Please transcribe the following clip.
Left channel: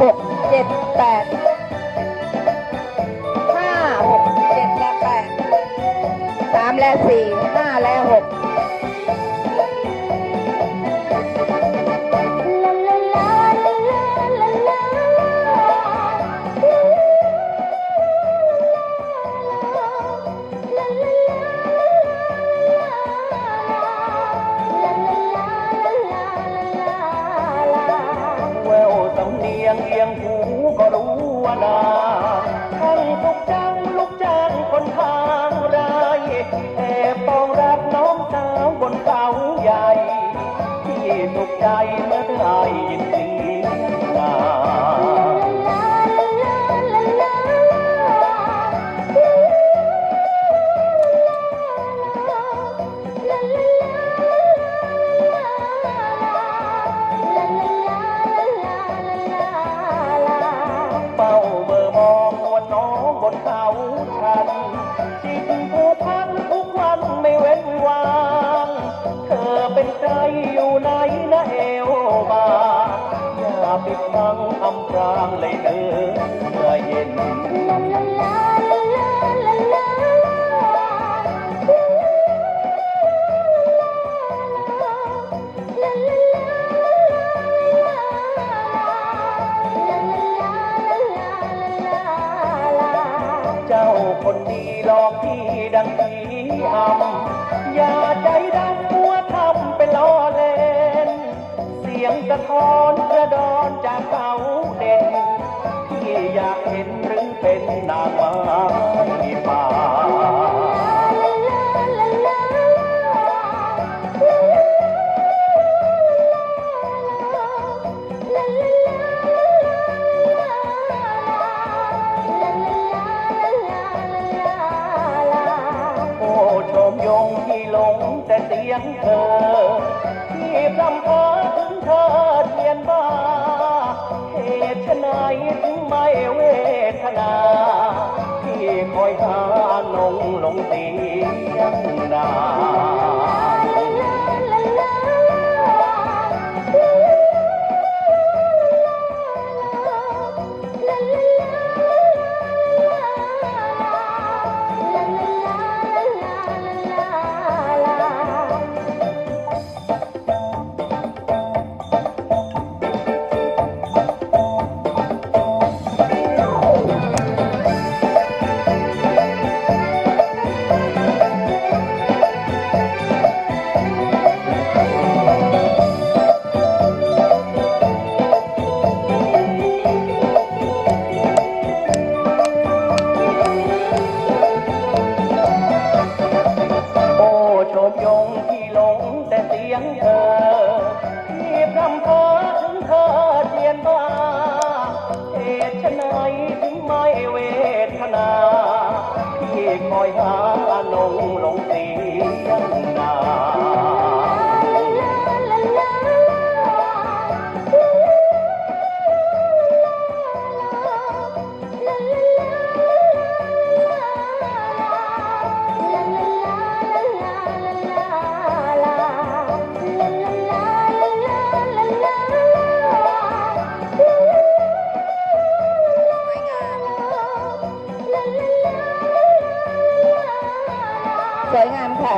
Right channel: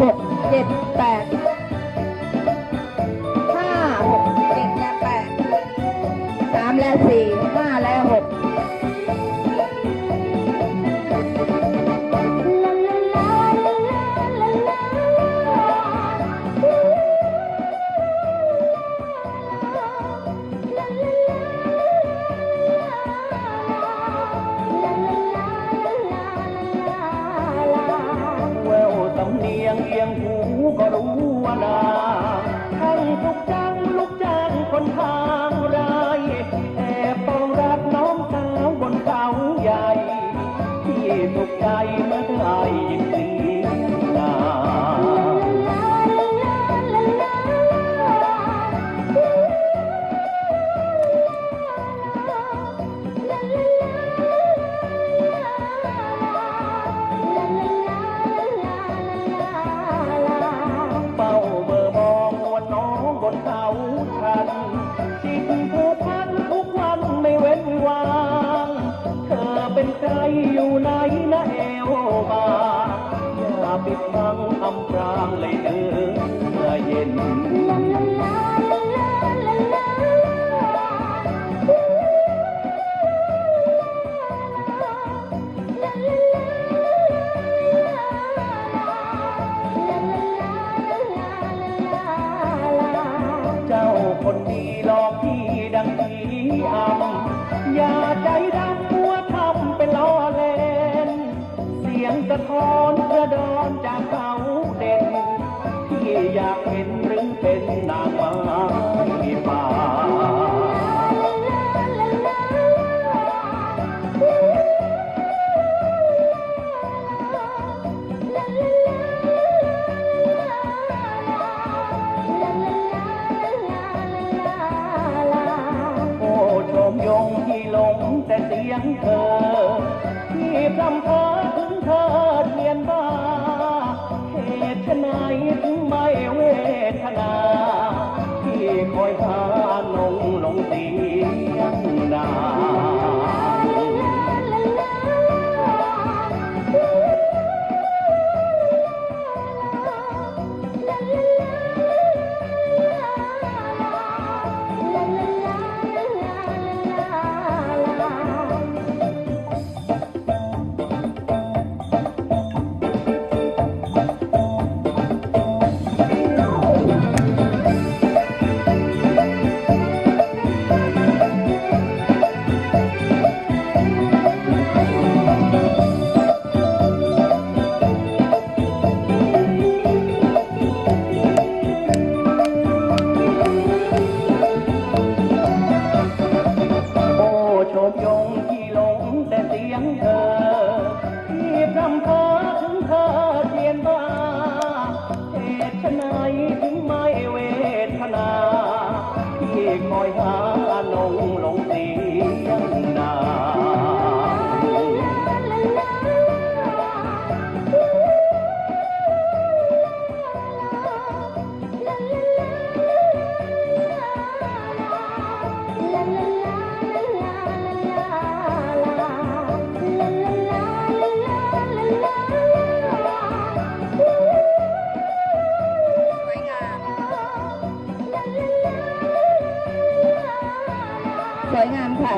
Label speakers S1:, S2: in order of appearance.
S1: หก
S2: เจ็ดแปดห้าหกเจ็ดแปดสามและสี่ เลยเออเมื่อเย็นเจ้าคนดีหลอกพี่ดังผีอำอย่าใจดำมัวทำเป็นล้อเล่น เสียงกระท้อนกระดอนจากเขาเด่นียงเธอที่รำเพ้อถึงเธอเทียนบ้าเหตุไฉนถึงไม่เวทนา
S1: วยงามค่ะ